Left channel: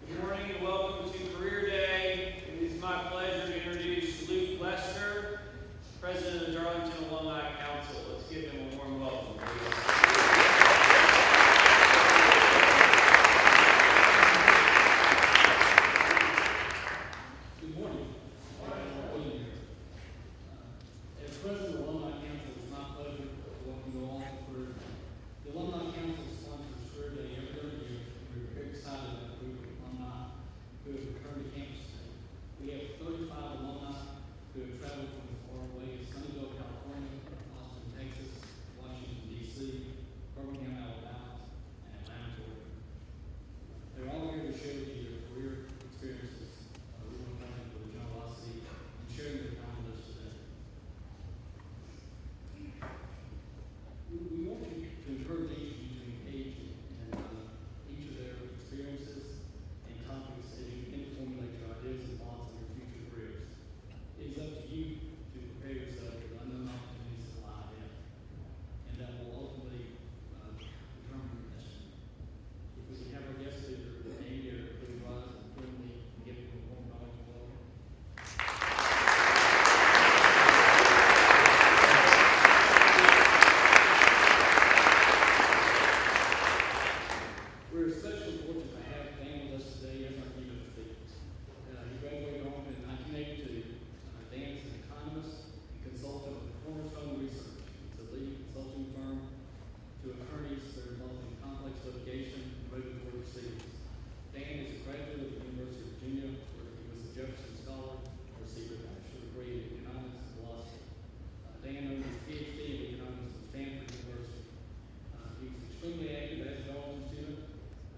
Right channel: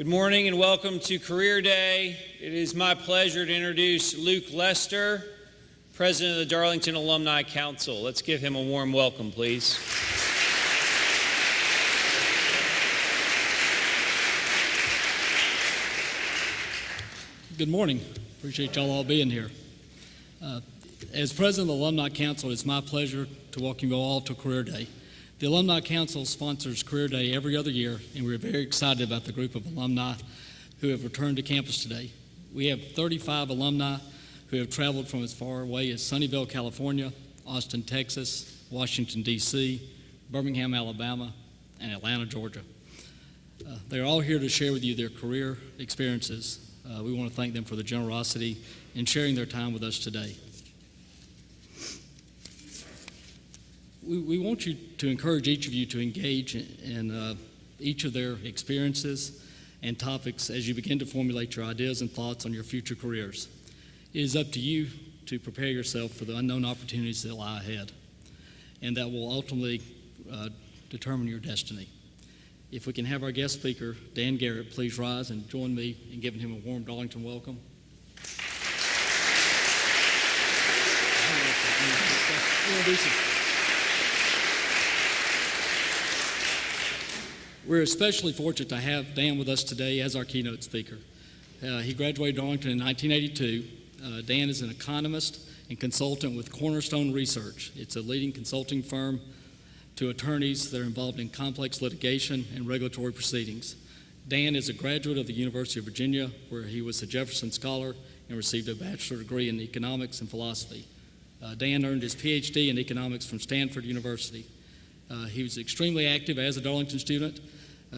Good morning and welcome to Career Day. It is my pleasure to introduce Luke Lester, President of the Darlington Alumni Council. Let's give him a warm welcome, please. Good morning. Appreciate y'all all being here. As President of the Alumni Council, it's my pleasure to welcome you all to Career Day. The Alumni Council sponsors Career Day every other year, and we're very excited about the group of alumni who have returned to campus today. We have 35 alumni who have traveled from as far away as Sunnyvale, California, Austin, Texas, Washington, D.C., Birmingham, Alabama, and Atlanta, Georgia. They're all here to share with you their career experiences. We want to thank them for their generosity in sharing their time with us today. We want you to encourage each of you to engage in each of their experiences and topics as you begin to formulate your ideas and thoughts on your future careers. It is up to you to prepare yourself for the unknown opportunities that lie ahead, and that will ultimately determine your destiny. If we can have our guest speaker, Dan Garrett, please rise and join me in giving him a warm Darlington welcome. We're especially fortunate to have Dan with us today as our keynote speaker. He graduated Darlington in 1982. Dan is an economist and consultant with Cornerstone Research. It's a leading consulting firm to attorneys that are involved in complex litigation and regulatory proceedings. Dan is a graduate of the University of Virginia, where he was a Jefferson Scholar and received a bachelor's degree in economics and philosophy. Dan earned his Ph.D. in economics from Stanford University. He was extremely active as a Darlington student.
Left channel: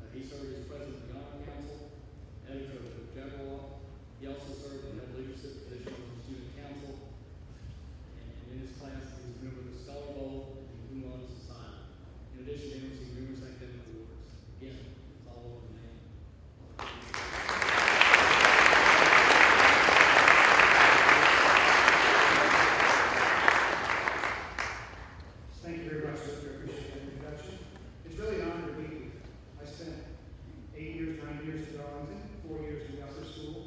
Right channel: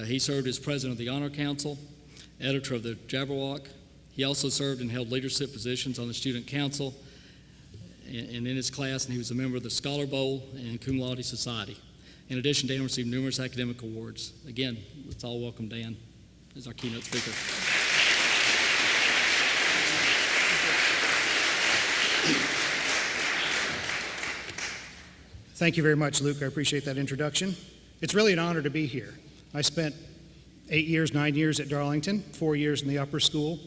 He served as president of the Honor Council, editor of the Jabberwock. He also served and held leadership positions on the student council and in his class, and he was a member of the Scholar Bowl and Cum Laude Society. In addition, Dan received numerous academic awards. Again, let's all welcome Dan as our keynote speaker. Thank you very much, Luke. I appreciate that introduction. It's really an honor to be here. I spent 9 years at Darlington, 4 years in the upper school.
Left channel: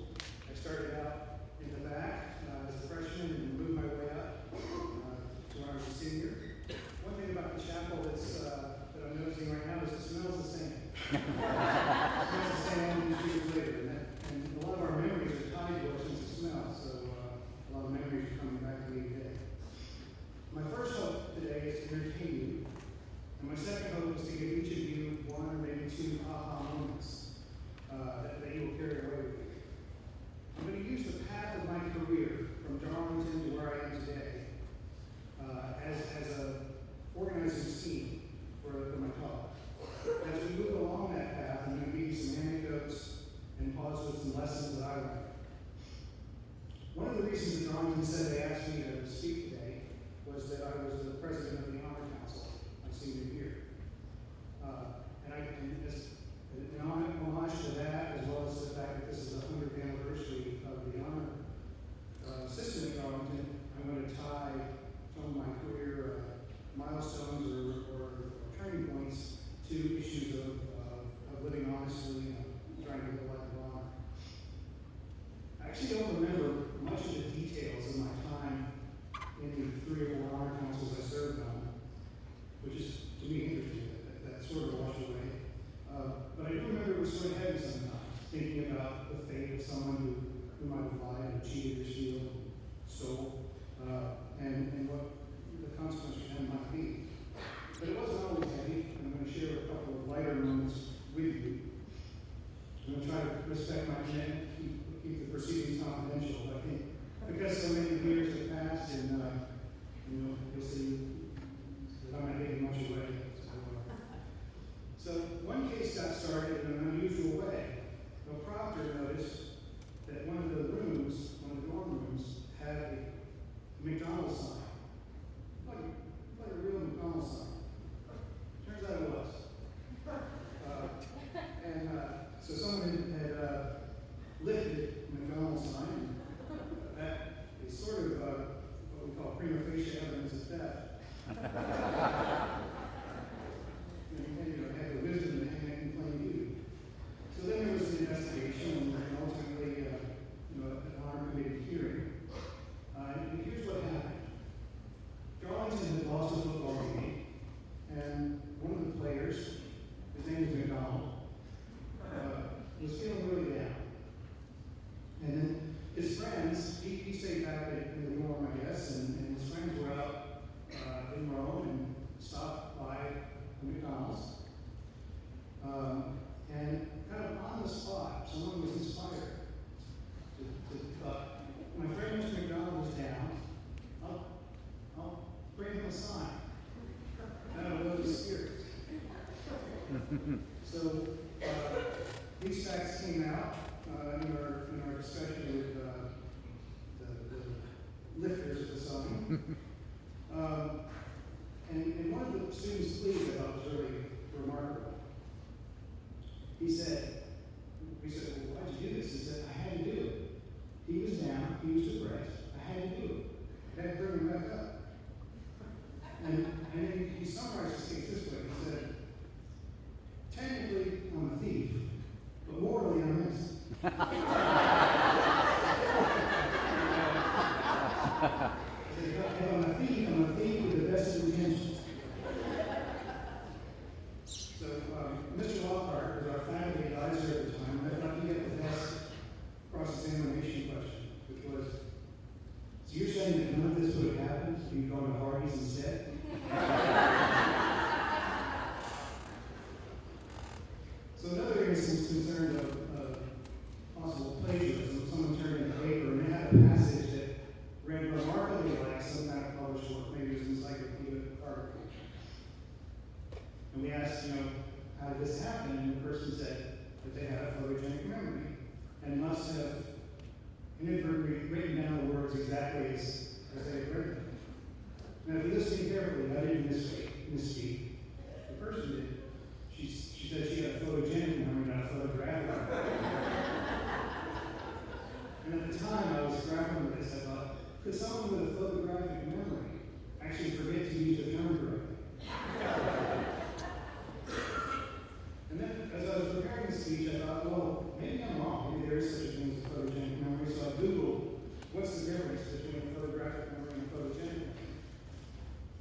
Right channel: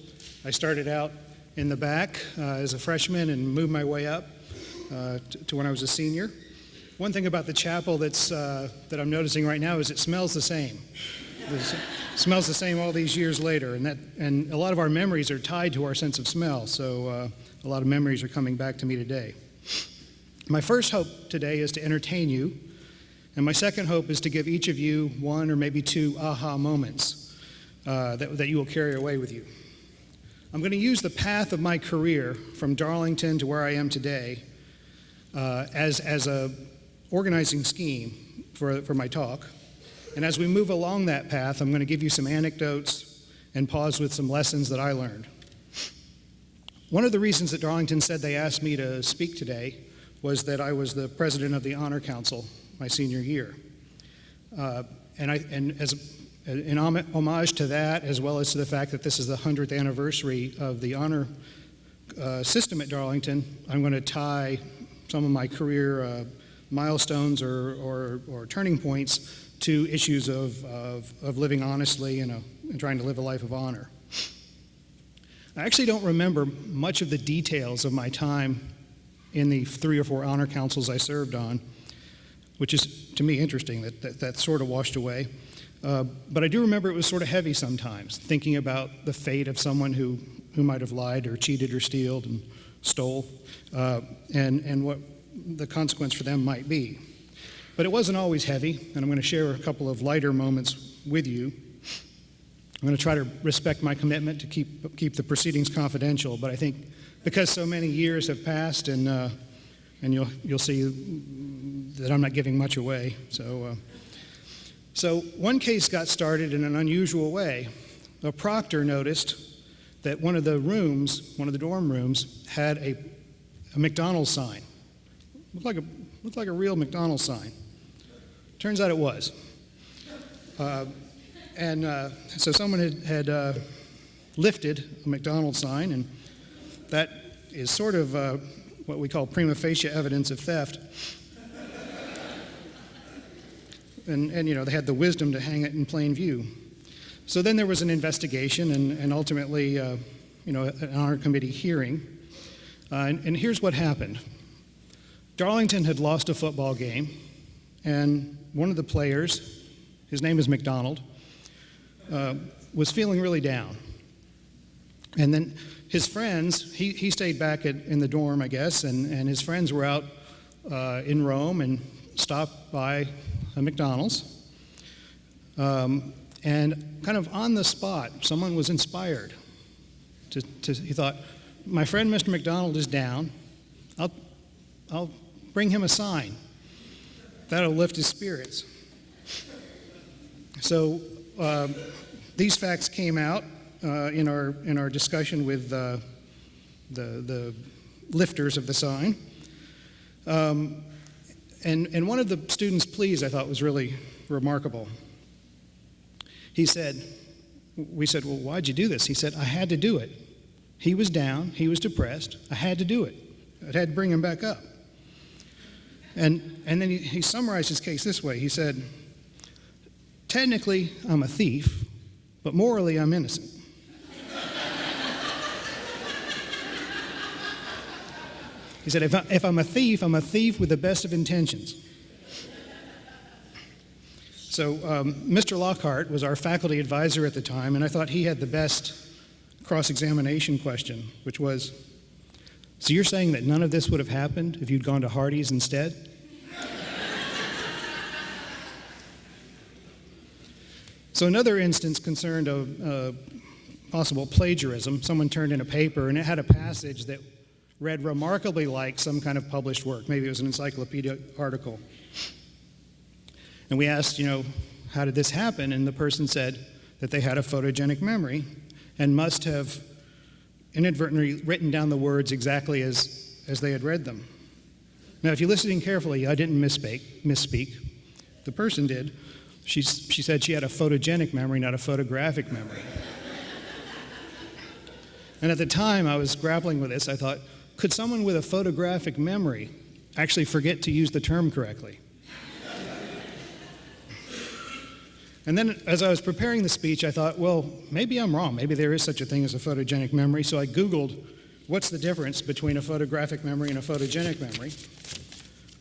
I started out in the back as a freshman and moved my way up to when I was a senior. One thing about the chapel that I'm noticing right now is it smells the same. It smells the same all these years later, and a lot of our memories are tied to our sense of smell, so a lot of memories are coming back to me today. My first hope today is to entertain you, and my second hope is to give each of you one or maybe two aha moments that you will carry away with you. I'm going to use the path of my career from Darlington to where I am today as a organizing scheme for my talk. And as we move along that path, I'm going to give you some anecdotes and pause with some lessons that I learned. One of the reasons that Darlington said they asked me to speak today was that I was the president of the Honor Council my senior year. And as in homage to that, as well as to the fact that this is the 100th anniversary of the honor system at Darlington, I'm going to tie some of my career milestones or turning points to issues of living honestly and trying to live a life of honor. I actually don't remember much of the details of my time in the 3 or 4 honor councils I served on, which is, to me, interesting that sort of washed away. But I do remember it was sort of heavy sometimes, thinking about the fate of someone who might have lied or cheated or stole, and what the consequence for them might be. But it wasn't always heavy, and I'm going to share a couple of lighter moments with you. I'm going to try to respect my commitment to keep the proceedings confidential, but I think because so many years have passed, and you'll see that I'm not giving much away. So one case got started in an unusual way. A proctor noticed that one of the dorm rooms, had a McDonald's sign. Looked like a real McDonald's sign. Turns out it was. So someone had lifted a McDonald's sign, and that is sort of what we call prima facie evidence of theft. And they had the wisdom to hang it in plain view. So then there was an investigation and ultimately, an honor committee hearing. And here's what happened. Darlington had lost a football game, and one of the players, his name is McDonald, was feeling really down. And then his friends, he stayed back in the dorm, I guess, and his friends were out in Rome and stopped by a McDonald's. And kind of on the spot, someone was inspired. He thought, my friend Mr. McDonald is down. I'll bring him a sign. That'll lift his spirits. So these facts came out in our discussion with the lifters of the sign. And one of the students' pleas I thought was really remarkable. We said, well, why'd you do this? He said, I had to do it. He was down, he was depressed, I had to do it. I had to bring him back up. And then he summarized his case this way. He said, technically, I'm a thief, but morally, I'm innocent. He said, if I'm a thief with the best of intentions. So Mr. Lockhart was our faculty advisor at the time, and I thought he had the best cross-examination question, which was, so you're saying that none of this would have happened if you'd gone to Hardee's instead? So another instance concerned of possible plagiarism. Someone turned in a paper, and it had a passage that read remarkably like some kind of published work. Maybe it was an encyclopedia article. And we asked, how did this happen? And the person said that they had a photogenic memory and must have inadvertently written down the words exactly as they had read them. Now, if you're listening carefully, I didn't misspeak. The person did. She said she had a photogenic memory, not a photographic memory. And at the time I was grappling with this, I thought, could someone with a photographic memory actually forget to use the term correctly? And then as I was preparing the speech, I thought, well, maybe I'm wrong. Maybe there is such a thing as a photogenic memory. So I Googled, what's the difference between a photographic memory and a photogenic memory?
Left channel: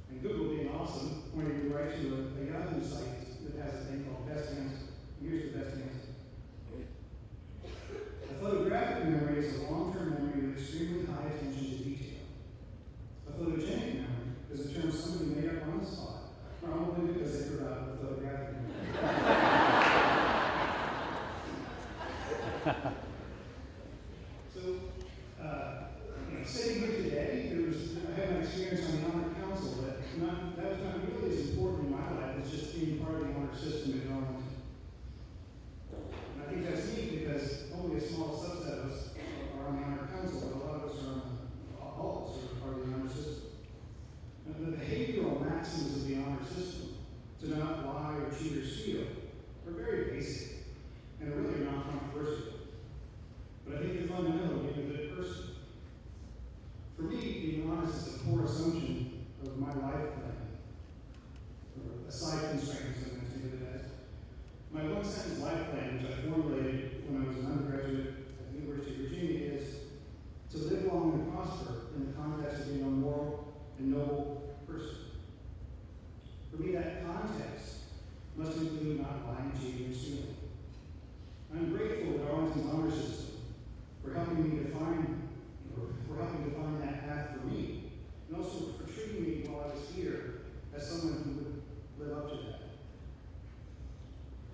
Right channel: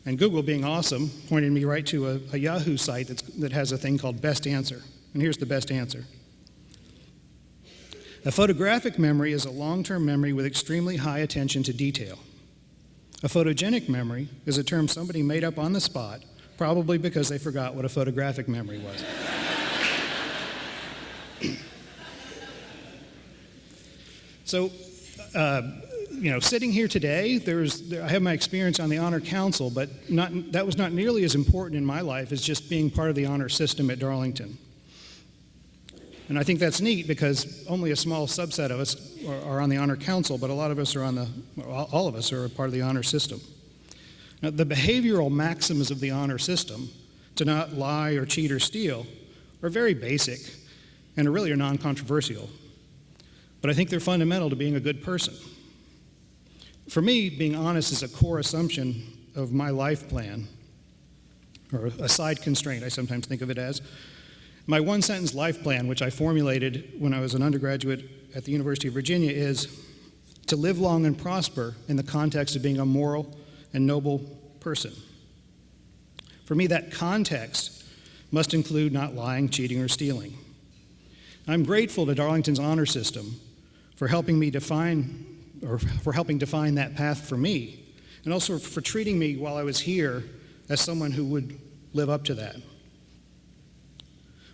And Google, being awesome, pointed me right to a Yahoo site that has a thing called Best Answer. And here's the best answer. A photographic memory is a long-term memory with extremely high attention to detail. A photogenic memory is a term somebody made up on the spot, probably because they forgot what a photographic memory was. So, sitting here today, I have my experience on the Honor Council, but that was not nearly as important in my life as just being part of the honor system at Darlington. And I think that's neat because only a small subset of us are on the Honor Council, but a lot of us are all of us are a part of the honor system. Now, the behavioral maxims of the honor system, to not lie or cheat or steal, are very basic and really are non-controversial. But I think they're fundamental to being a good person. For me, being honest is a core assumption of my life plan, or a side constraint, I sometimes think of it as. My one-sentence life plan, which I formulated when I was an undergraduate at the University of Virginia, is to live long and prosper in the context of being a moral and noble person. For me, that context must include not lying, cheating, or stealing. I'm grateful to Darlington's honor system for helping define that path for me, and also for treating me while I was here as someone who would live up to that.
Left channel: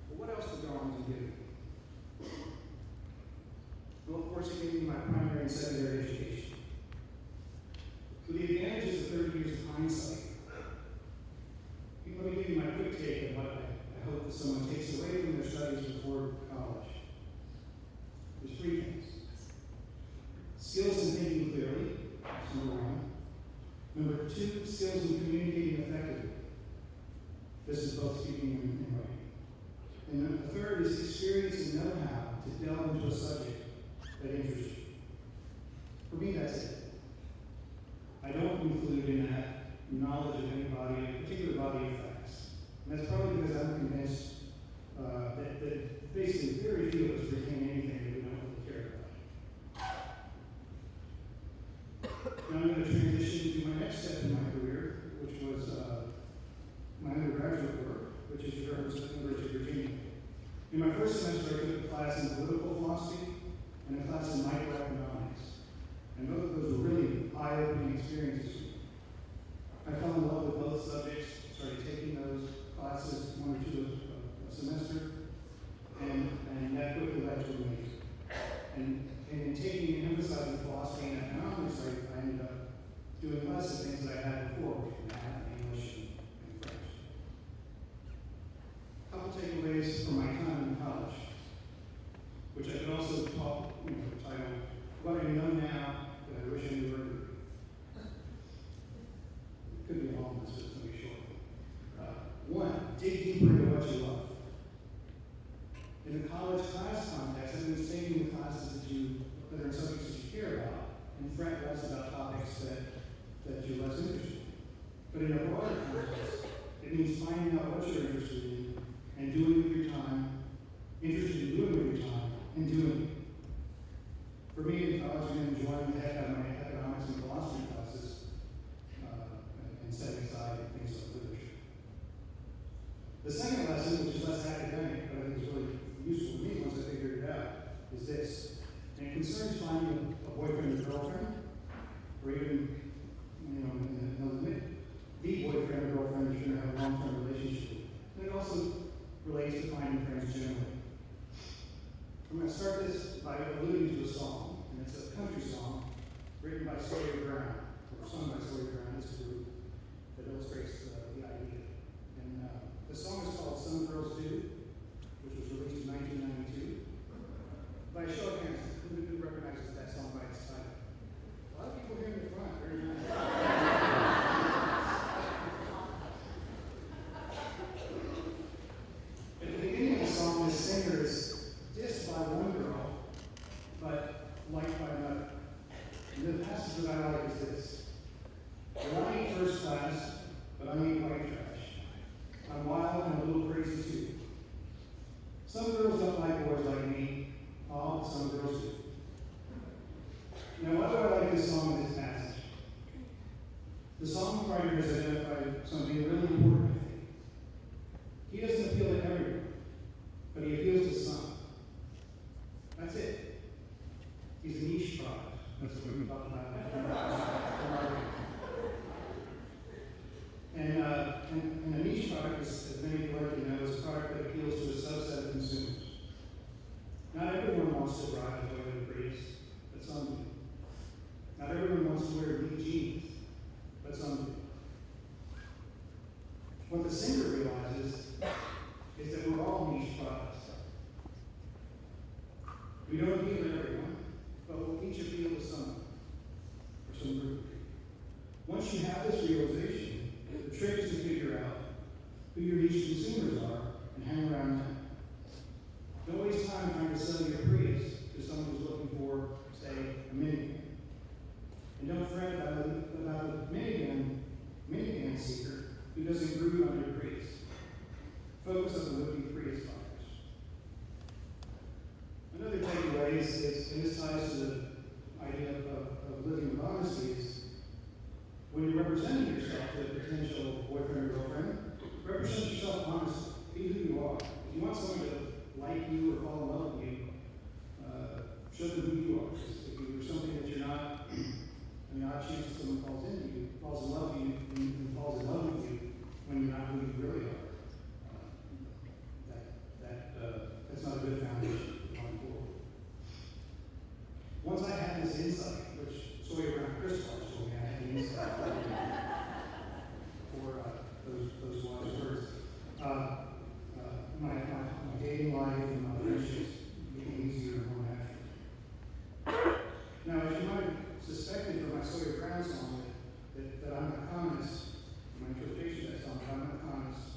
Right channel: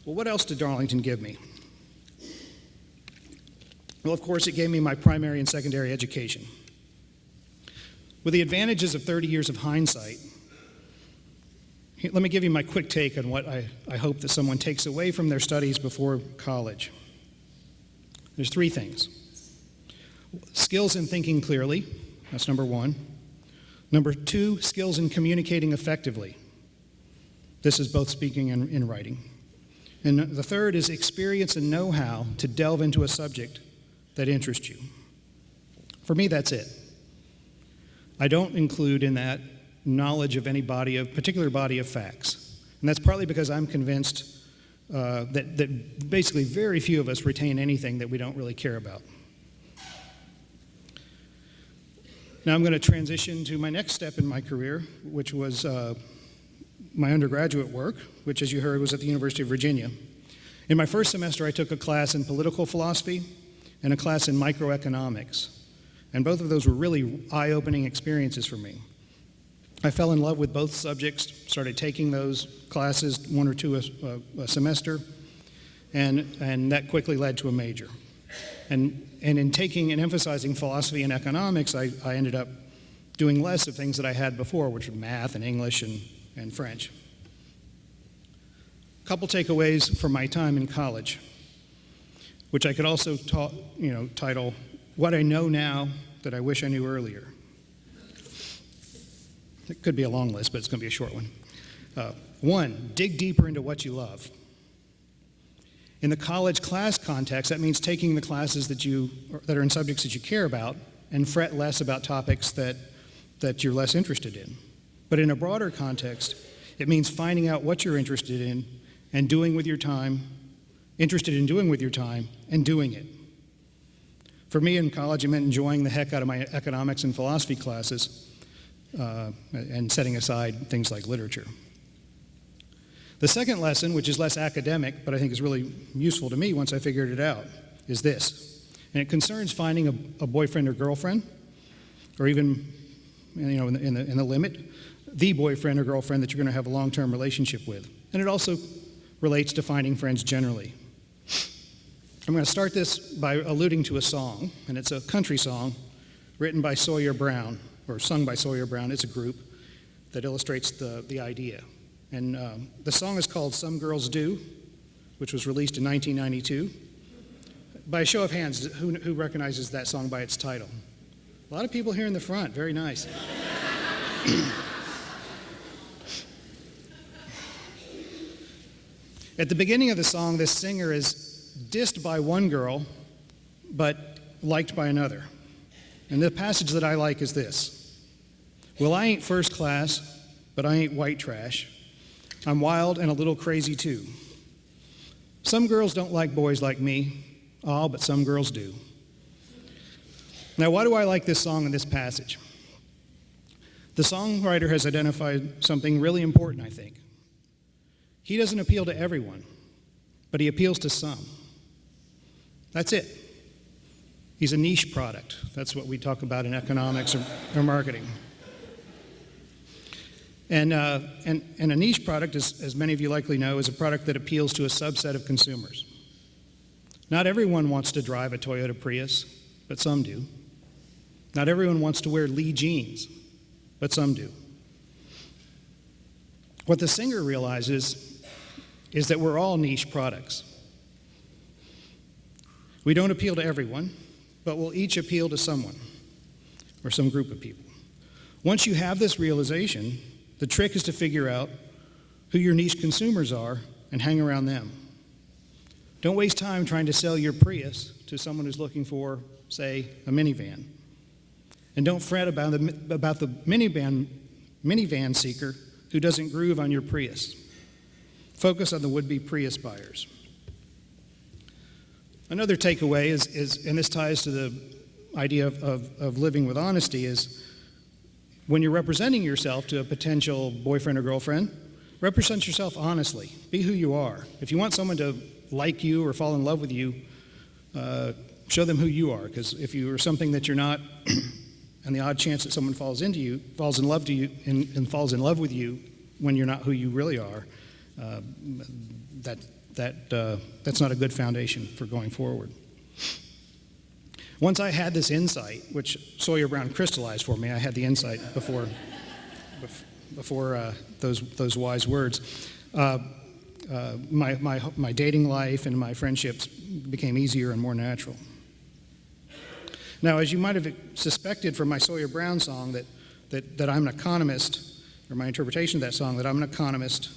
Well, what else did Darlington give me? Well, of course, it gave me my primary and secondary education. With the advantages of 30 years of hindsight, let me give you my quick take on what I hope that someone takes away from their studies before college. There's three things. Skills in thinking clearly, that's number one. Number two, skills in communicating effectively. This is both speaking and writing. And the third is experience and know-how to delve into a subject that interests you. For me, that's it. I don't include in that knowledge of any particular body of facts. And that's partly because I'm convinced that basically very few of us retain anything that we don't really care about. Now I'm going to transition to my next step in my career, which was my undergraduate work, which, as you heard, was at the University of Virginia. In my first semester, I took a class in political philosophy and a class in microeconomics, and both of those were really eye-opening experiences for me. I fell in love with both subjects, started taking those classes, one or two a semester, and that quickly led to a major. And in taking and emphasizing philosophy and economics, I ended up doing less of things that I had before, which were math and English and French. A couple takeaways from my time in college, which I could also title, What I Know Now That I Wish I Knew Earlier. It could be a long list, but it's going to be a short one. One, dig deeper into what you love. In the college class context, that means taking the classes that are in subjects that you care about and fret less about topics that you're less interested in. But in a broader context, it means finding out what you're interested in and doing with your time, interested in doing with your time, and doing it. For me in college, it meant enjoying the heck out of my economics and philosophy classes and setting aside things like literature. The second lesson, which is less academic, but I think is really useful to me once I figured it out, is this. And it concerns finding a boyfriend or girlfriend, or even, in the limit, the boyfriend or girlfriend that you're going to have a long-term relationship with. And it also relates to finding friends generally. I'm going to start this by alluding to a song, and it's a country song written by Sawyer Brown, or sung by Sawyer Brown. It's a group that illustrates the idea. And the song is called Some Girls Do, which was released in 1992. By a show of hands, who recognizes that song by its title? A lot of people here in the front. Very nice. At the beginning of the song, this singer is dissed by one girl, but liked by another. And the passage that I like is this. Well, I ain't first class, but I ain't white trash. I'm wild and a little crazy too. Some girls don't like boys like me. Oh, but some girls do. Now, why do I like this song and this passage? The songwriter has identified something really important, I think. He doesn't appeal to everyone, but he appeals to some. That's it. He's a niche product. That's what we talk about in economics or marketing. And a niche product, as many of you likely know, is a product that appeals to a subset of consumers. Not everyone wants to drive a Toyota Prius, but some do. Not everyone wants to wear Lee jeans, but some do. What the singer realizes is that we're all niche products. We don't appeal to everyone, but we'll each appeal to someone or some group of people. Once you have this realization, the trick is to figure out who your niche consumers are and hang around them. Don't waste time trying to sell your Prius to someone who's looking for, say, a minivan. And don't fret about the minivan seeker who doesn't groove on your Prius. Focus on the would-be Prius buyers. Another takeaway is, and this ties to the idea of living with honesty, is when you're representing yourself to a potential boyfriend or girlfriend, represent yourself honestly. Be who you are. If you want someone to like you or fall in love with you, show them who you are. Because if you are something that you're not, and the odd chance that someone falls in love with you when you're not who you really are, that's not a good foundation for going forward. Once I had this insight, which Sawyer Brown crystallized for me, I had the insight before those wise words. My dating life and my friendships became easier and more natural. Now, as you might have suspected from my Sawyer Brown song, that I'm an economist, or my interpretation of that song, that I'm an economist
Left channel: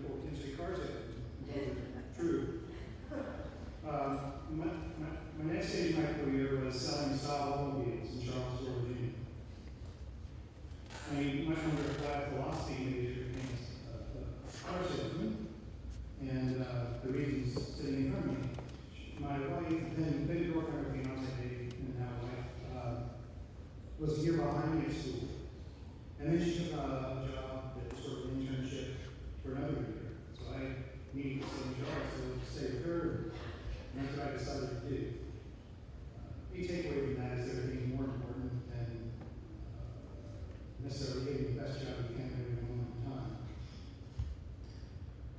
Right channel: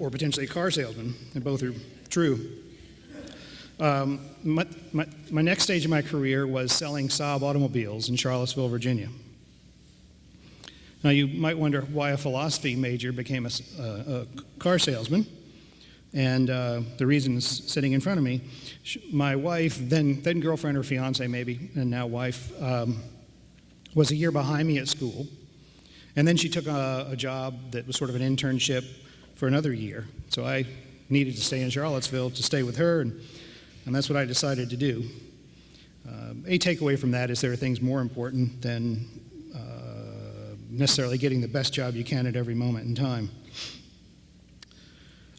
or potentially a car salesman, and both are true. My next stage of my career was selling Saab automobiles in Charlottesville, Virginia. Now, you might wonder why a philosophy major became a car salesman, and the reason is sitting in front of me. My wife, then girlfriend or fiance maybe, and now wife, was a year behind me at school, and then she took a job that was sort of an internship for another year. So I needed to stay in Charlottesville to stay with her, and that's what I decided to do. A takeaway from that is there are things more important than necessarily getting the best job you can at every moment in time.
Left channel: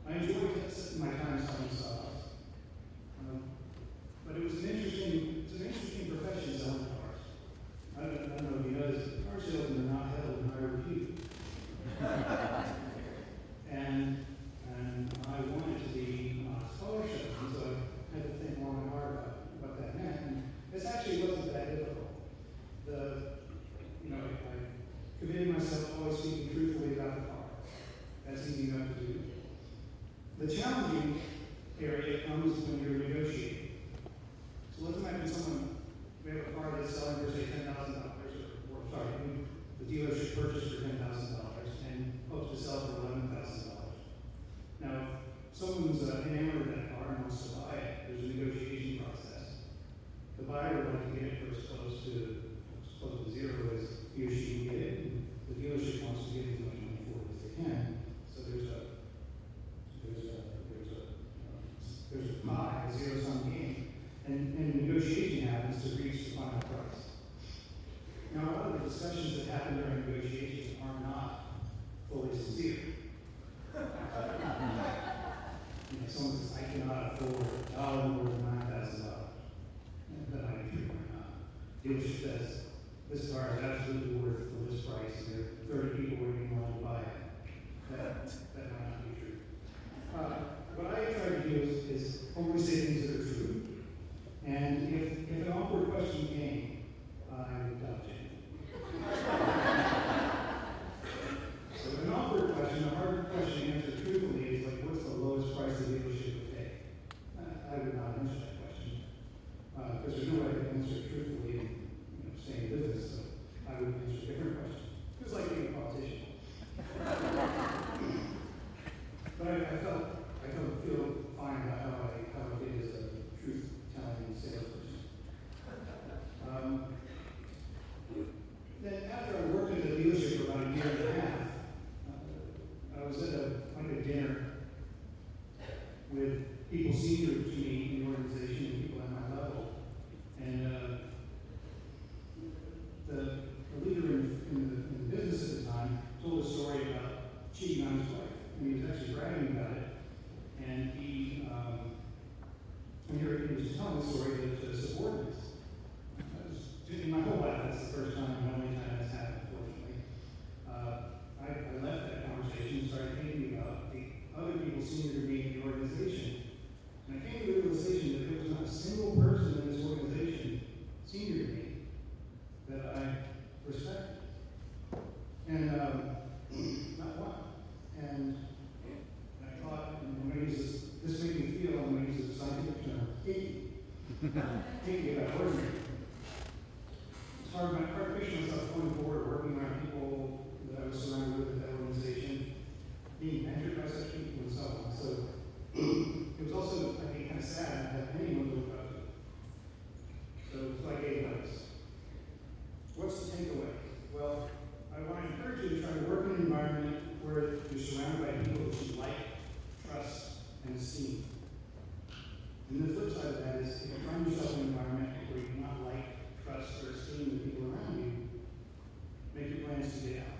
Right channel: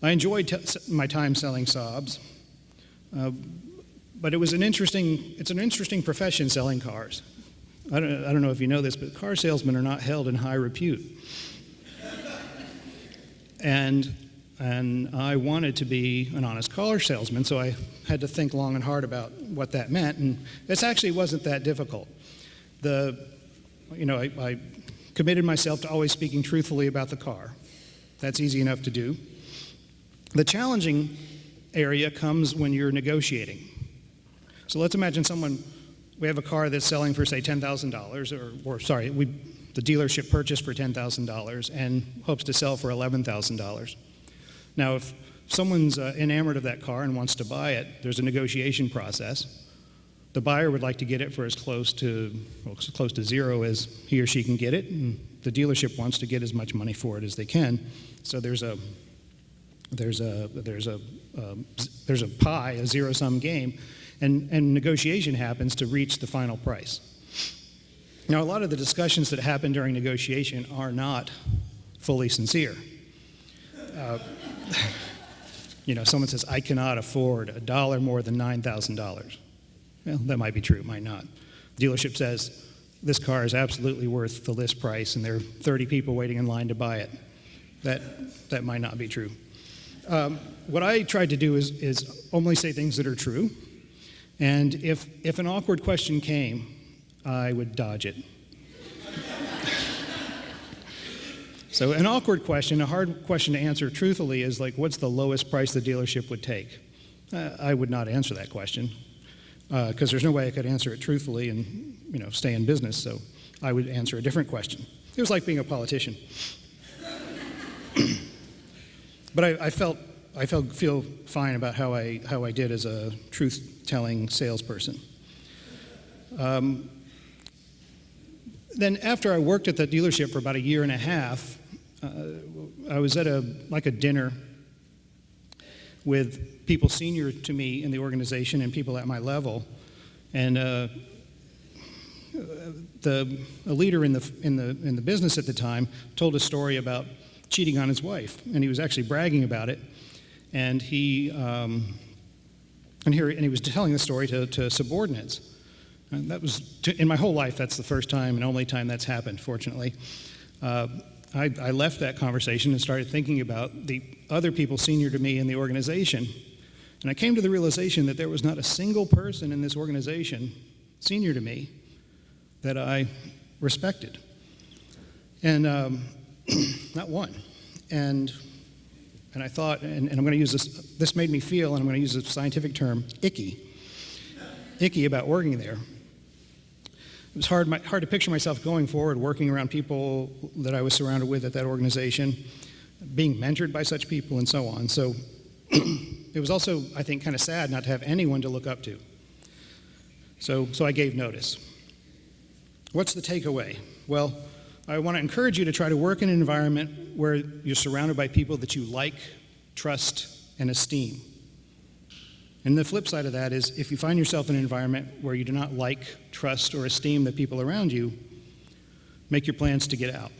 I enjoyed my time selling Saabs, but it's an interesting profession, selling cars. I don't know if you know this, but car salesmen are not held in high repute. And I wanted to be an honest car salesman, so I had to think long and hard about what that meant, and this actually wasn't that difficult. I committed myself to always speaking truthfully about the car. That's easy enough to do. The challenging area comes when you're negotiating. So let's imagine we have a car that's selling for, say, $10,000, the dealership purchased for $10,000 and hopes to sell for $11,000. Now, if someone's enamored of that car and wants to buy it, there's a negotiation process. The buyer would like to get it for as close to zero as he or she can get it, and the dealership wants to get as much money for it as they can. So there's a pie, a zero-sum game, and negotiation happens to reach the final price. Now, a lot of the discussions that happen during negotiation are not fully sincere. Someone says, "I cannot afford $1 more than $9,000. Well, that might be true, it might not. Dealership says, "This car is absolutely worth the list price, and there are 30 people waiting in line to buy it." That might not be true. What I tried to do is only say things that are true, and if an awkward question came, I would dodge it. So an awkward question, a hard question to answer truthfully is like, what's the lowest price the dealership would take? I would not answer that question, because there's no way I could answer it truthfully and stay in business, so I would answer a different question. It was like being a politician. But I feel fine about how I did as a truth-telling salesperson. Then after I worked at the dealership for about a year and a half, I was at a dinner with people senior to me in the organization and people at my level, and a leader in the business at the time told a story about cheating on his wife, and he was actually bragging about it, and he was telling the story to subordinates. And that was in my whole life. That's the first time and only time that's happened, fortunately. I left that conversation and started thinking about the other people senior to me in the organization, and I came to the realization that there was not a single person in this organization senior to me that I respected, and not one. And I thought, and I'm going to use this made me feel, and I'm going to use a scientific term, icky about working there. It was hard to picture myself going forward, working around people that I was surrounded with at that organization, being mentored by such people, and so on. So it was also, I think, kind of sad not to have anyone to look up to. So I gave notice. What's the takeaway? Well, I want to encourage you to try to work in an environment where you're surrounded by people that you like, trust, and esteem. And the flip side of that is, if you find yourself in an environment where you do not like, trust, or esteem the people around you, make your plans to get out.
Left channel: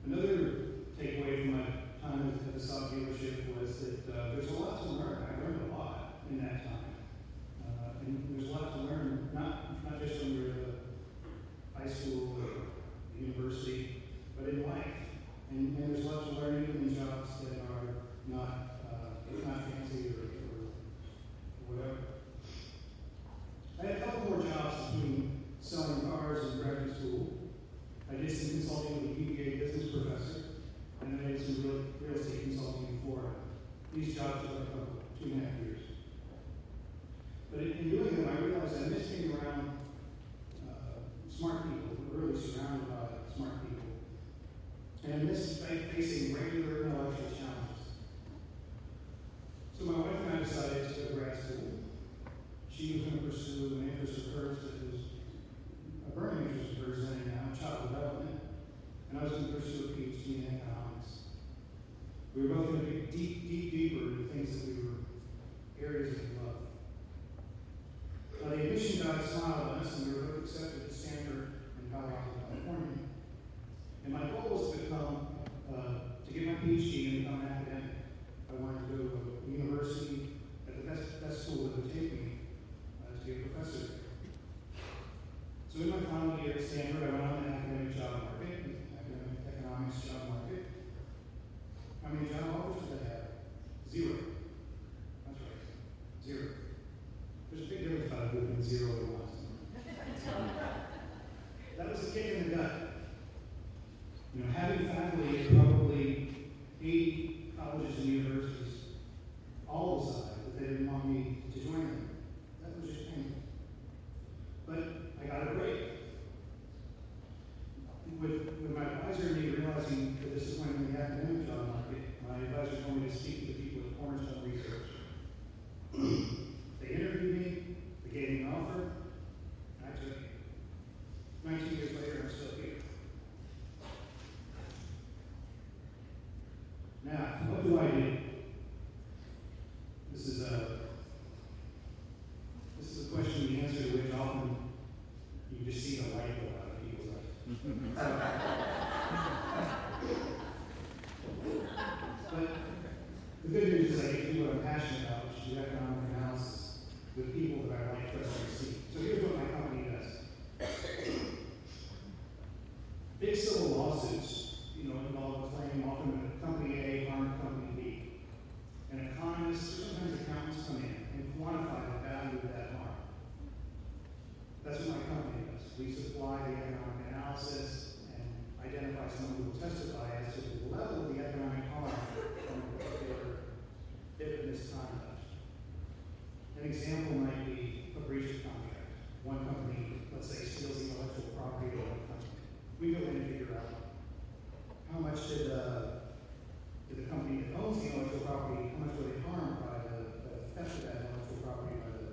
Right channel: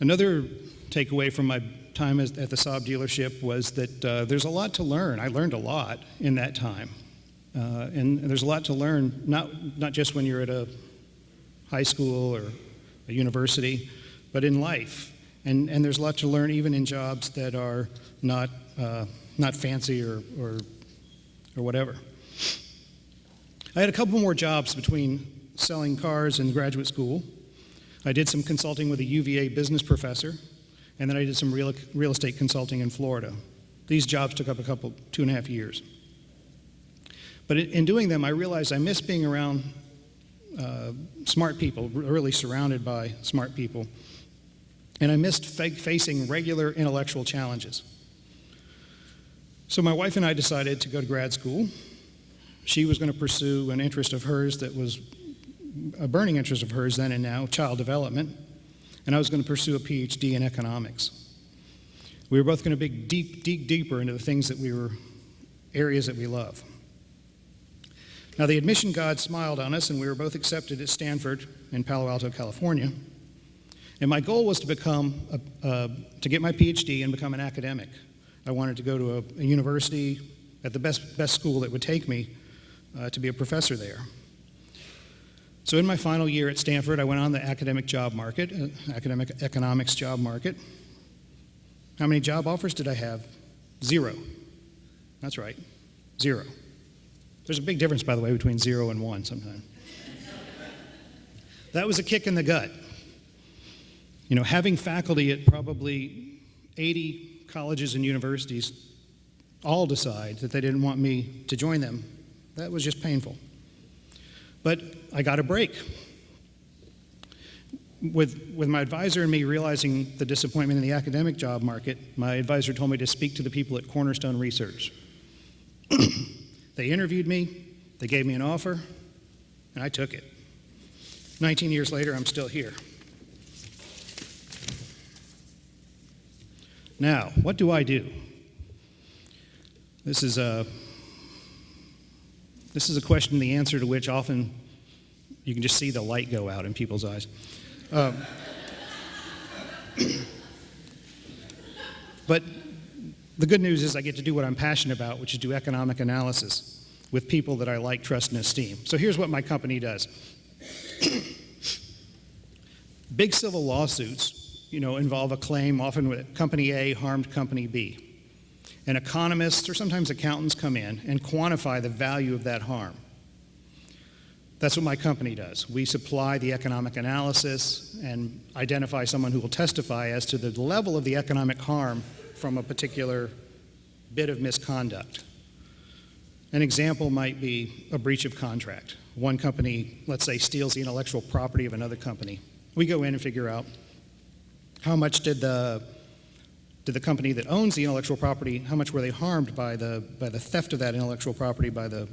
Another takeaway from my time at the Saab dealership was that there's a lot to learn. I learned a lot in that time. And there's a lot to learn, not just when you're at a high school or a university, but in life. And there's a lot to learn even in jobs that are not fancy or whatever. I had a couple more jobs between selling cars and graduate school. I did some consulting with a UVA business professor, and then I did some real estate consulting in Florida. These jobs took up 2.5 years. But in doing them, I realized I missed being around smart people, really surrounded by smart people. And I missed facing regular intellectual challenges. So my wife and I decided to go to grad school. She was going to pursue an interest of hers that was a burning interest of hers then and now, child development, and I was going to pursue a Ph.D. in economics. We were both going to dig deeper into the things that areas that we love. Now, the admission god smiled on us, and we were both accepted at Stanford in Palo Alto, California. And my goal was to get my Ph.D. and become an academic. I wanted to go to a university at the best school that would take me to be a professor there. So in my final year at Stanford, I went on the academic job market, academic economics job market. How many job offers did I have? 0. That's right, 0. There's a big difference, by the way, between 0 and 1 sometimes. That was a kick in the gut. You know, having faculty at probably 80 colleges and universities all decide that they didn't want me to join them, that was just painful. But I got a break. With my advisor and me realizing the disappointment in the academic job market, my advisor told me to speak to the people at Cornerstone Research. They interviewed me, they gave me an offer, and I took it. 19 years later, I'm still here. Now, what do I do? This is a question, the answer to which often you can just see the light go out in people's eyes. But the good news is I get to do what I'm passionate about, which is do economic analysis with people that I like, trust, and esteem. So here's what my company does. Big civil lawsuits, involve a claim often with company A harmed company B. And economists or sometimes accountants come in and quantify the value of that harm. That's what my company does. We supply the economic analysis and identify someone who will testify as to the level of the economic harm from a particular bit of misconduct. An example might be a breach of contract. One company, let's say, steals the intellectual property of another company. We go in and figure out how much did the company that owns the intellectual property, how much were they harmed by the theft of that intellectual property by the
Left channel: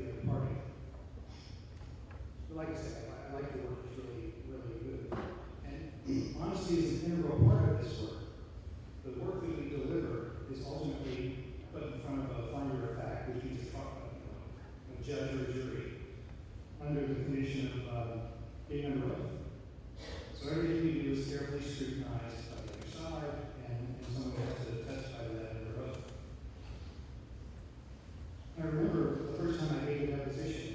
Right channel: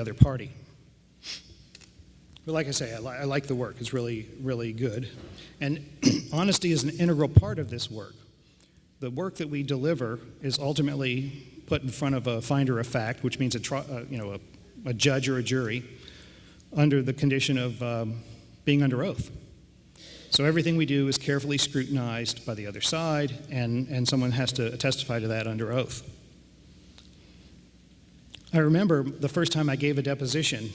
other party. But like I say, I like the work. It's really, really good. And honesty is an integral part of this work. The work that we deliver is ultimately put in front of a finder of fact, which means a judge or a jury, under the condition of being under oath. So everything we do is carefully scrutinized by the other side, and someone has to testify to that under oath. I remember the first time I gave a deposition.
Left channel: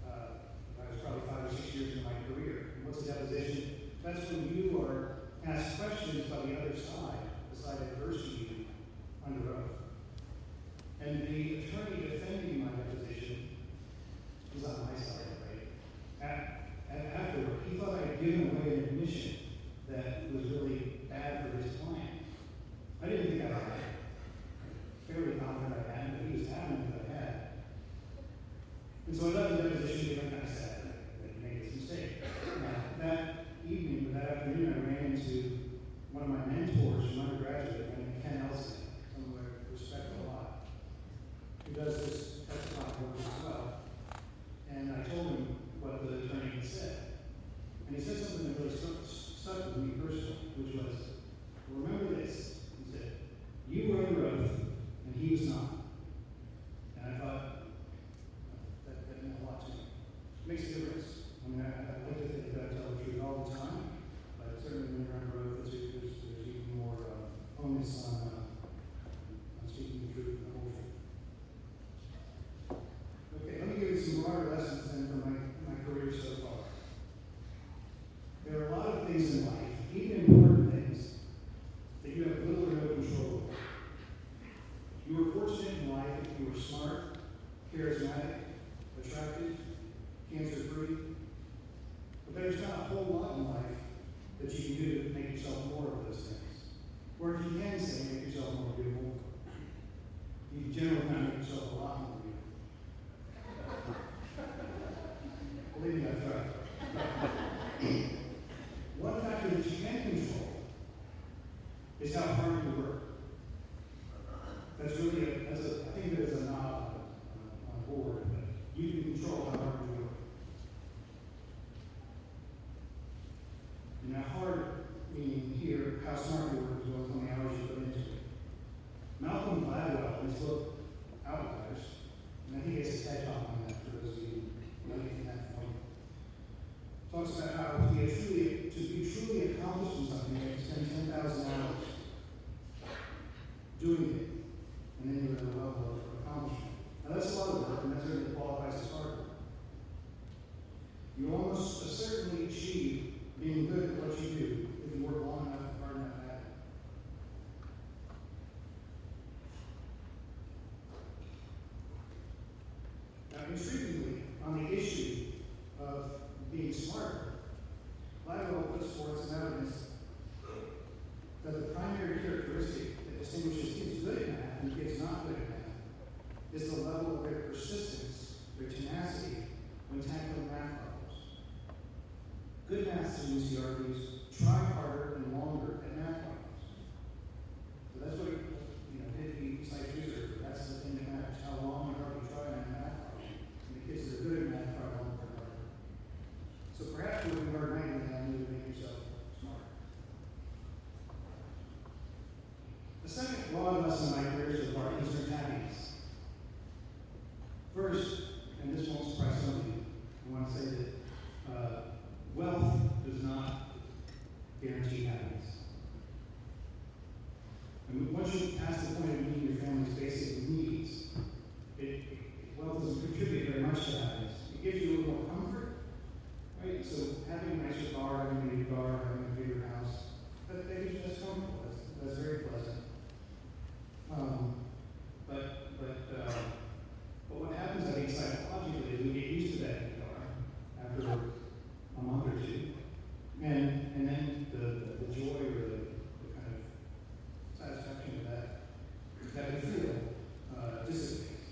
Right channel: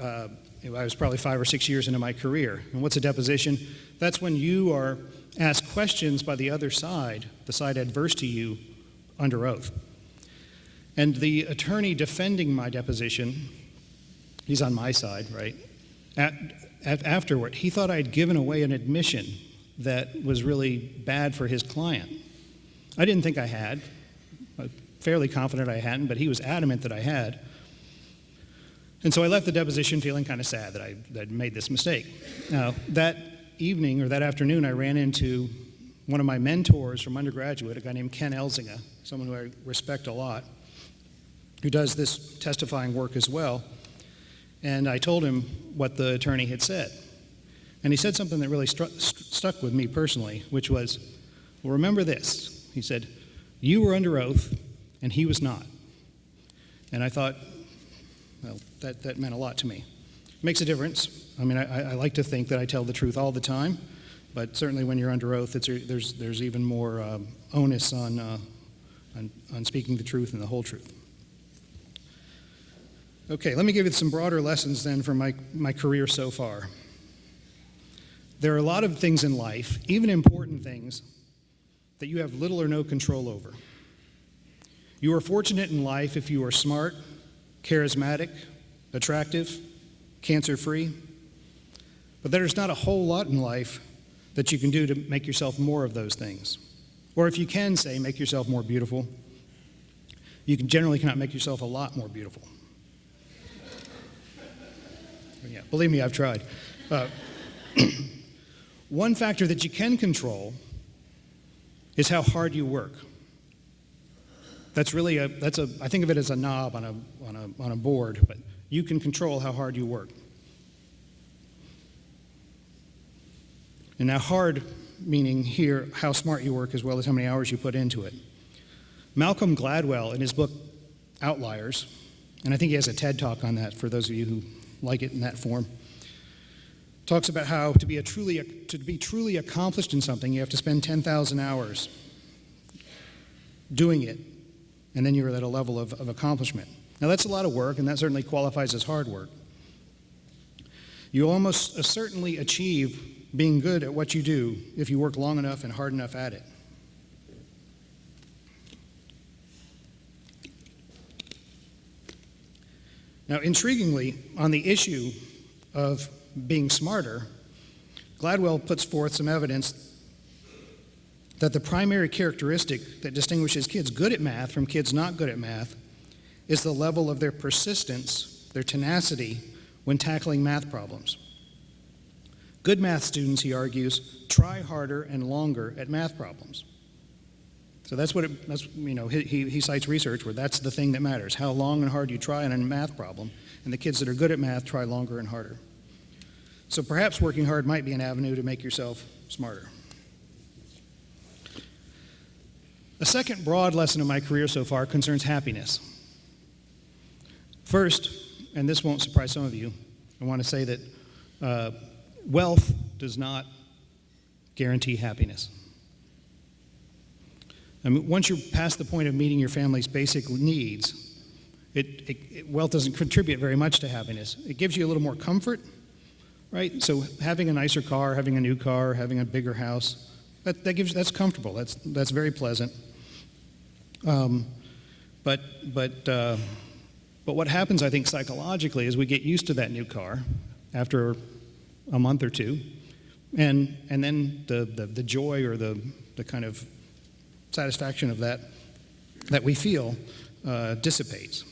I was probably 5 or 6 years into my career. And what's a deposition? That's when you are asked questions by the other side, the side adverse to you, under oath. And the attorney defending my deposition, he's on my side, right? Afterward, he thought I'd given away an admission that was really bad for his client. I didn't think I had. I'm fairly confident I hadn't, but he was adamant that I had. And so I left the deposition feeling kind of sad that I'd made this mistake. Now, that evening or that afternoon, I ran into one of my mentors from undergraduate, a guy named Ken Elzinga, someone who I respect a lot, who does this testifying work as well. And I told him what the attorney had said. And he said something that really stuck with me personally, which was, well, remember this. He said, you were under oath, and he was not. And I thought, well, that meant a lot to me. It makes a difference. I mean, I like to think that I tell the truth all the time, but certainly when you're under oath, there's even more onus on speaking the truth and the whole truth. Okay, let me give you some broader lessons then from my career so far. There are a lot of things in life, even important things, that you have little or no control over. You are fortunate in life if you are smart, charismatic, attractive, cancer-free, but there's not a whole lot in life that you can do to make yourself more of those things. Or if you can say make yourself more beautiful, you generally cannot make yourself a lot more beautiful. Believe me, I've tried. One factor that you can control is how hard you work. That's really I think of it as a knob on a board, but you can control how hard you work. And now hard meaning here how smart you work as well as how many hours you put into it. Malcolm Gladwell in his book Outliers, and I think he has a TED Talk on that for those of you who like it in that form, talks about how to be truly accomplished in something, you have to spend 10,000 hours doing it, and then you're at a level of accomplishment. Now that's a lot of work, and that certainly qualifies as hard work. You almost certainly achieve being good at what you do if you work long enough and hard enough at it. Now, intriguingly, on the issue of being smarter, Gladwell puts forth some evidence that the primary characteristic that distinguishes kids good at math from kids not good at math is the level of their persistence, their tenacity, when tackling math problems. Good math students, he argues, try harder and longer at math problems. So he cites research where that's the thing that matters, how long and hard you try on a math problem, and the kids that are good at math try longer and harder. So perhaps working hard might be an avenue to make yourself smarter. A second broad lesson of my career so far concerns happiness. First, and this won't surprise some of you, I want to say that wealth does not guarantee happiness. I mean, once you're past the point of meeting your family's basic needs, wealth doesn't contribute very much to happiness. It gives you a little more comfort, right? So having a nicer car, having a new car, having a bigger house, that's comfortable. That's very pleasant. But what happens, I think, psychologically is we get used to that new car after a month or two, and then the joy or the kind of satisfaction of that we feel dissipates.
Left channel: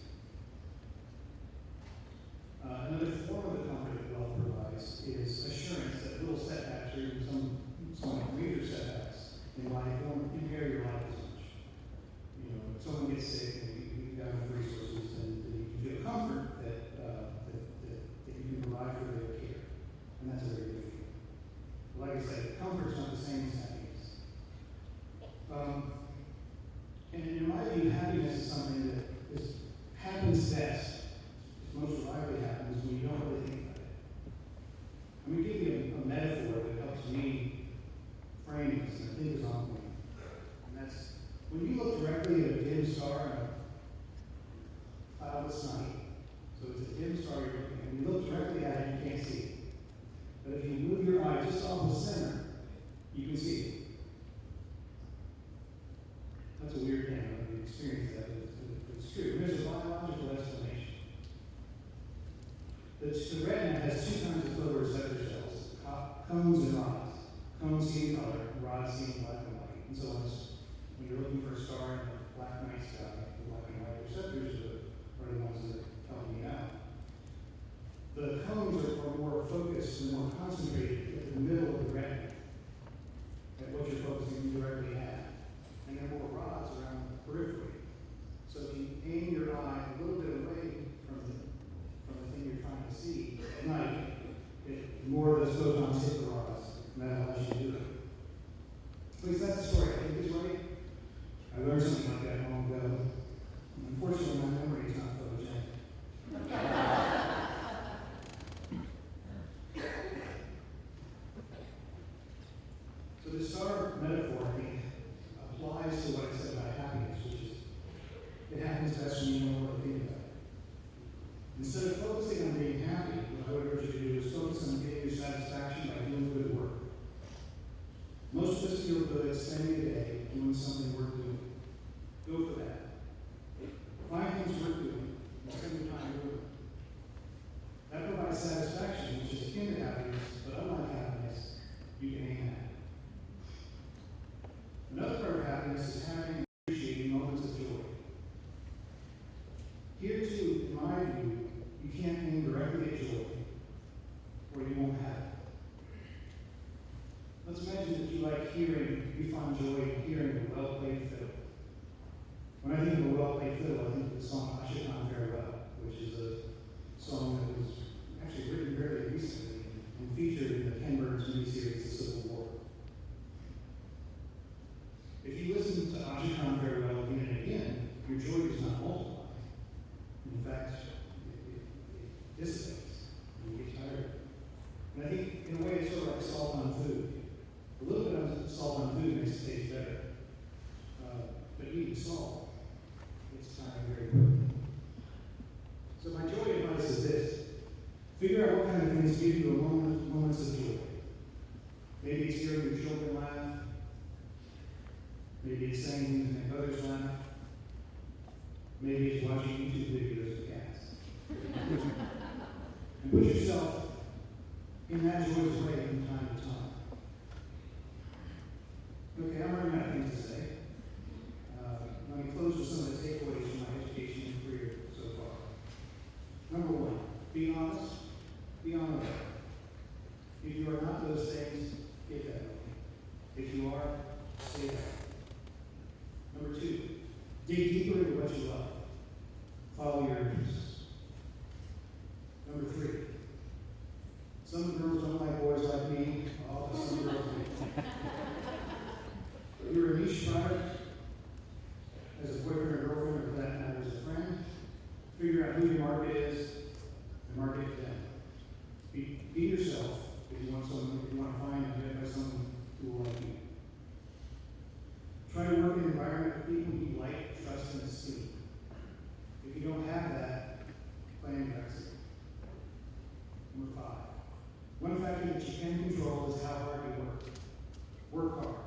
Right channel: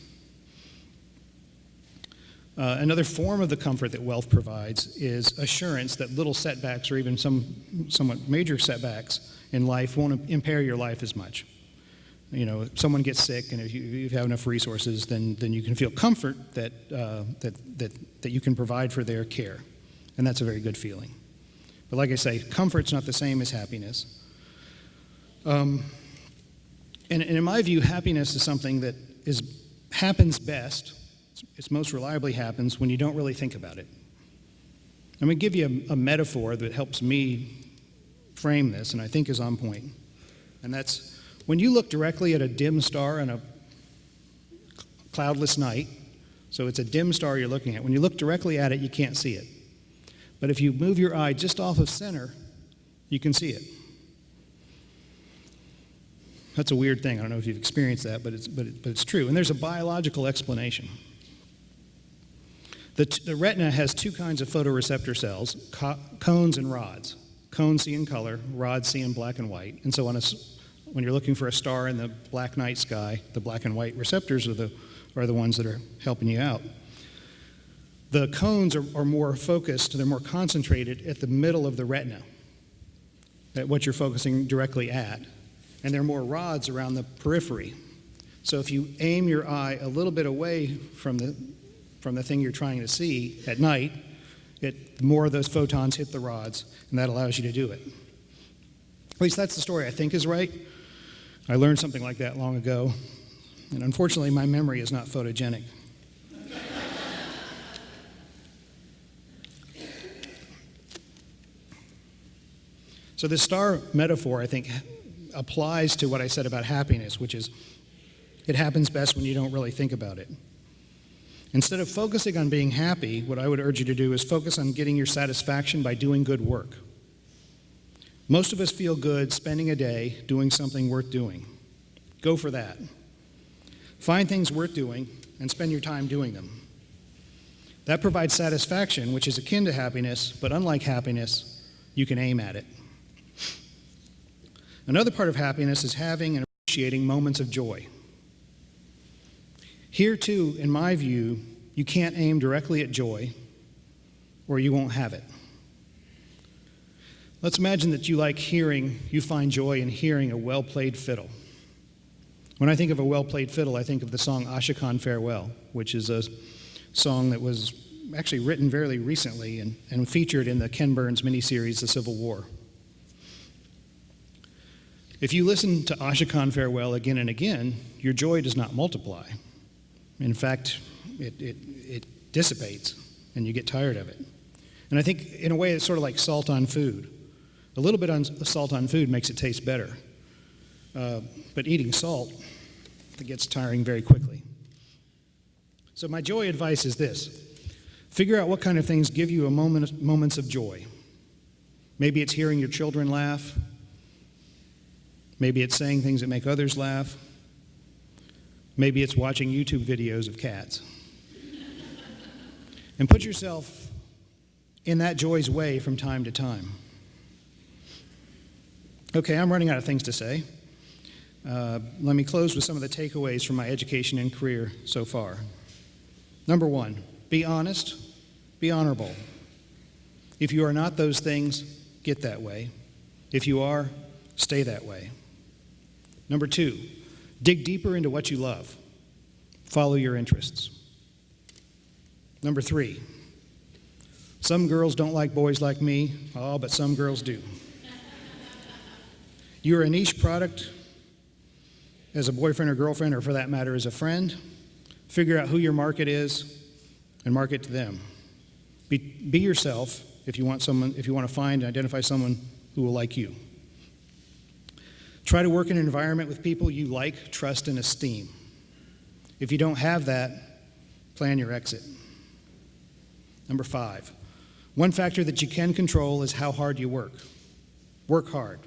Another form of the comfort that wealth provides is assurance that little setbacks or even some somewhat major setbacks in life won't impair your life as much. You know, if someone gets sick and if you have enough resources, then you can feel comfort that you can provide for their care. And that's a very good feeling. But like I say, comfort's not the same as happiness. And in my view, happiness is something that happens best, it's most reliably happens when you don't really think about it. I'm going to give you a metaphor that helps me frame this and I think is on point. And that's when you look directly at a dim star on a cloudless night, so it's a dim star you're looking at. When you look directly at it, you can't see it. But if you move your eye just off of center, you can see it. That's a weird thing. I don't know if you've experienced that, but it's true. And there's a biological explanation. The retina has two kinds of photoreceptor cells, cones and rods. Cones see in color, rods see in black and white. And so when you're looking for a star in the black night sky, the black and white receptors are the ones that are helping you out. The cones are more focused, they're more concentrated at the middle of the retina, at what you're focusing directly at. And there are more rods around the periphery. So if you aim your eye a little bit away from the thing you're trying to see at night, more of those photons hit the rods, and that allows you to do it. At least that's the story I think is right. I learned something like that long ago, and unfortunately my memory is not photogenic. So this star metaphor, I think, applies to what I said about happiness, which is it happens best when you don't really think about it. Instead of focusing on being happy, what I would urge you to do is focus on getting your satisfaction by doing good work. Most of us feel good spending a day doing something worth doing. Go for that. Find things worth doing and spend your time doing them. That provides satisfaction, which is akin to happiness, but unlike happiness, you can aim at it. Another part of happiness is having and appreciating moments of joy. Here, too, in my view, you can't aim directly at joy, or you won't have it. Let's imagine that you find joy in hearing a well-played fiddle. When I think of a well-played fiddle, I think of the song Ashokan Farewell, which is a song that was actually written very recently and featured in the Ken Burns miniseries, The Civil War. If you listen to Ashokan Farewell again and again, your joy does not multiply. In fact, it dissipates, and you get tired of it. And I think, in a way, it's sort of like salt on food. A little bit of salt on food makes it taste better. But eating salt, it gets tiring very quickly. So my joy advice is this. Figure out what kind of things give you moments of joy. Maybe it's hearing your children laugh. Maybe it's saying things that make others laugh. Maybe it's watching YouTube videos of cats. And put yourself in that joy's way from time to time. Okay, I'm running out of things to say. Let me close with some of the takeaways from my education and career so far. Number one, be honest, be honorable. If you are not those things, get that way. If you are, stay that way. Number two, dig deeper into what you love. Follow your interests. Number three, some girls don't like boys like me. Oh, but some girls do. You're a niche product as a boyfriend or girlfriend, or for that matter, as a friend. Figure out who your market is and market to them. Be yourself if you want to find and identify someone who will like you. Try to work in an environment with people you like, trust, and esteem. If you don't have that, plan your exit. Number five, one factor that you can control is how hard you work. Work hard.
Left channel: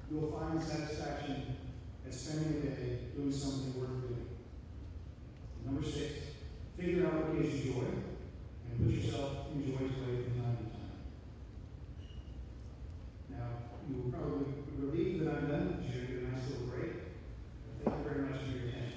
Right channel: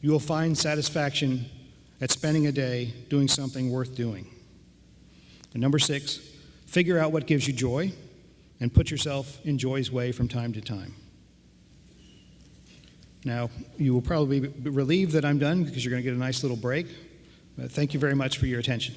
You will find satisfaction at spending a day doing something worth doing. And number six, figure out what gives you joy and put yourself in joy's way from time to time. Now, you will probably be relieved that I'm done because you're going to get a nice little break. Thank you very much for your attention.